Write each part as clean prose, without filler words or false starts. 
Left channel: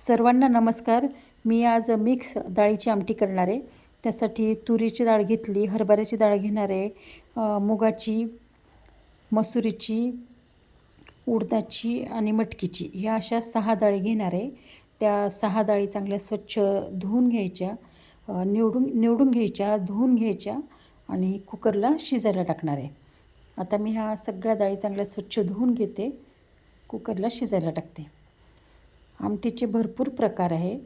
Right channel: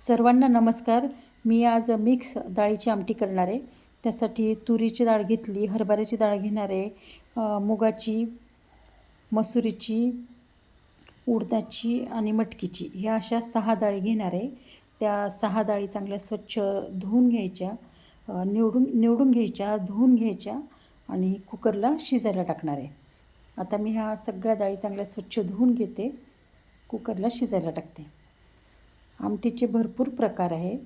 सर्वांना नमस्कार. मी आज मिक्स डाळीची आमटी करणार आहे. त्यासाठी तुरीची डाळ घेतली, हरभऱ्याची डाळ घेणार आहे, मुगाची, मसुरीची, उडदाची आणि मटकीची ह्या अशा 6 डाळी घेणार आहे. त्या 6 डाळी चांगल्या स्वच्छ धुवून घ्यायच्या, निवडून घ्यायच्या, धुवून घ्यायच्या आणि कुकरला शिजायला टाकणार आहे. आता मी ह्या सगळ्या डाळी चांगल्या स्वच्छ धुवून घेते, कुकरला शिजायला टाकते. आमटीचे भरपूर प्रकार आहे.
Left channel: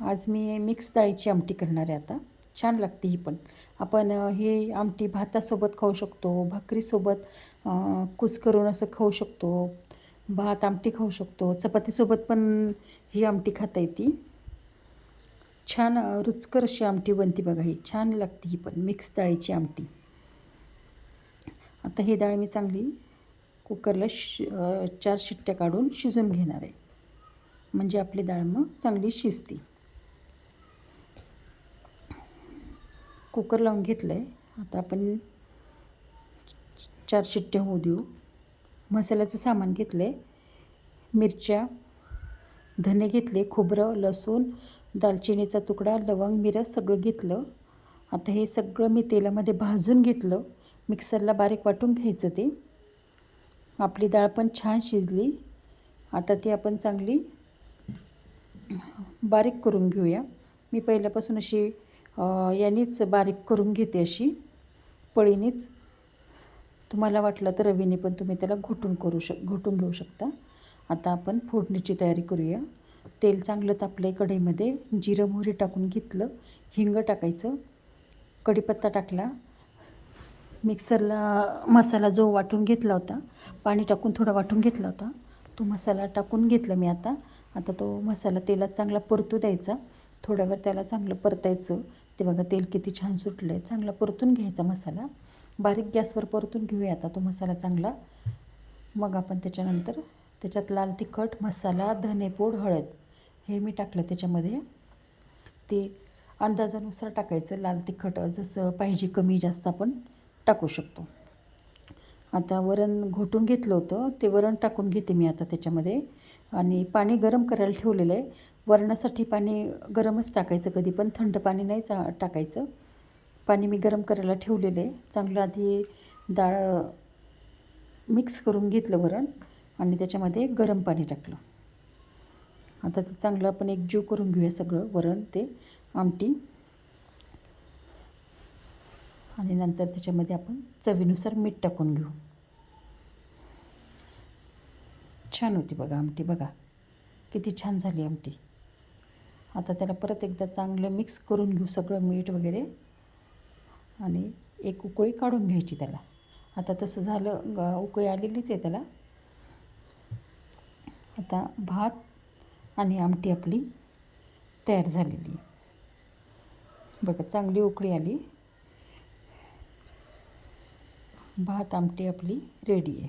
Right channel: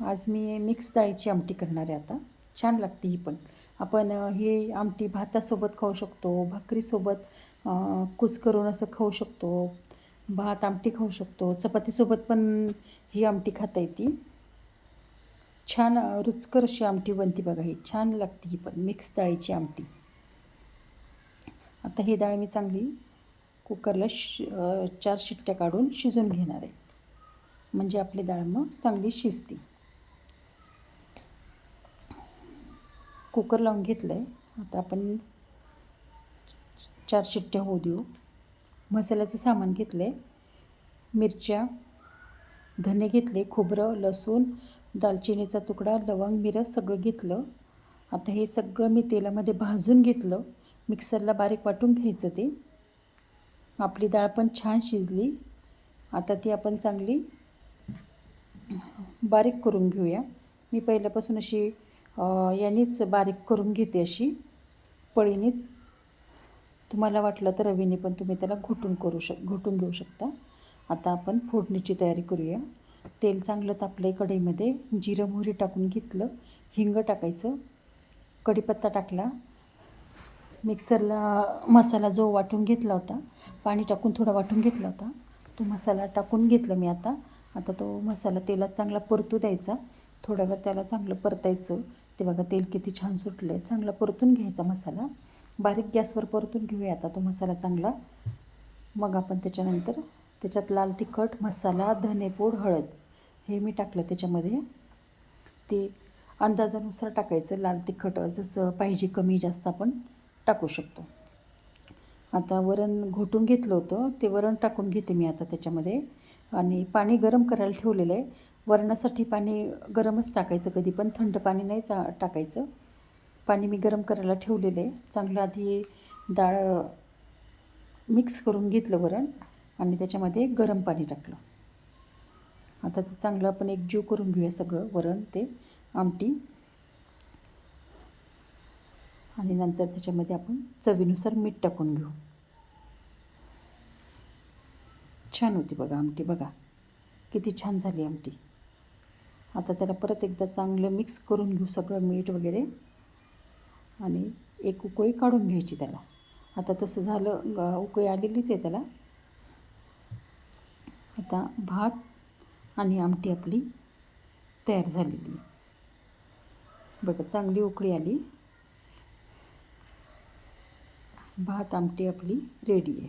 आज मी मिक्स डाळीची आमटी करणार आहे. आता छान लागते ही पण. आपण ही आमटी भातासोबत खाऊ शकतो, भाकरीसोबत कुस्करून असं खाऊ शकतो, भात आमटी खाऊ शकतो, चपातीसोबत पण ही आमटी खाता येते. छान रुचकर अशी आमटी बनते बघा. ही छान लागते ही पण मिक्स डाळीची आमटी. आता ही डाळ मी चांगली कुकरला 4 शिट्ट्या काढून शिजून घेणार आहे, म्हणजे आपली डाळ मग चांगली शिजते. कुकर लावून घेतलं आहे. आता आपण 4 शिट्ट्या होऊ देऊ. मसाल्याचं सामान घेतलं आहे. मिरच्या, धने घेतले, खोबरं, लसूण, दालचिनीचा तुकडा, लवंग, मिरं सगळं घेतलं. आता हे सगळं मी तेलामध्ये भाजून घेतलं. मिक्सरला बारीक वाटून घ्यायचं ते. आपली डाळ पण छान शिजली. आता ती आपण चांगली बारीक करून घेऊया. मी पहिल्यापासून अशी यानेच बारीक करून घेते, अशी पळीनेच. तुम्हाला वाटलं तर रवीने पण तुम्ही त्याला घोटून घेऊ शकता. आता आपण फोडणीची तयारी करूया. तेल चांगलं तापलं कढईमध्ये. जिरं मोहरी टाकून घेतलं, हिंग टाकायचं, कढीपत्ता टाकला. मिक्सरला मसाला जो वाटून घेतला होता, पाणी टाकून थोडा वाटून घेतला होता, तो मसाला टाकून घेतला मी. आता तो मसाला तेलात चांगला परतू द्यायचा. थोड्या वेळ त्याला चांगलं परतायचं. ते बघा तेल किती छान सुटलं आहे. चांगला परतून घ्यायचा मसाला. बारीक गॅसवर परतून घेऊया आता तो मसाला चांगला. मग आपण त्याच्यानंतर त्याच्यात लाल तिखट मसाला, धनेपूड, हळद हे मी टाकलं त्याच्यामध्ये. ते अंदाजानुसार टाकायचं. लाल तिखट जसं पाहिजे कमी जास्त आपण टाकू शकतो. आता वरण घोटून घेतलं होतं, ते वरण टाकून घेते मी आता त्याच्यामध्ये. आणि पाणी गरम करायला ठेवलेलं आहे. वरणासाठी पाणी गरमच टाकायचं, कधी पण थंड पाणी नाही टाकायचं. पाणी मी गरम करायला ठेवलेलं आहे. चांगलं आधी डाळ मिक्स करून घेतलं वरण आणि त्याच्यामध्ये गरम पाणी टाकलं. आता ते चांगलं आपण एकजीव करून घेऊया सगळं, वरण ते आमटी. आणि नंतर त्याच्यामध्ये आपण चवीनुसार मीठ टाकून घेऊ. छान होती बघा आमटी. बघा किती छान झाली आमटी. आता त्याला परत एकदा चांगलं मिक्स करून घेऊ सगळं, मीठ वगैरे, आणि एक उकळी काढून घ्यायची त्याला. आता तसं झालं, उकळी आलेलीच आहे त्याला. आता भात आणि आमटी आपली तयार झालेली. बघा चांगली उकळी आली. भात आमटी आपली रेडी आहे.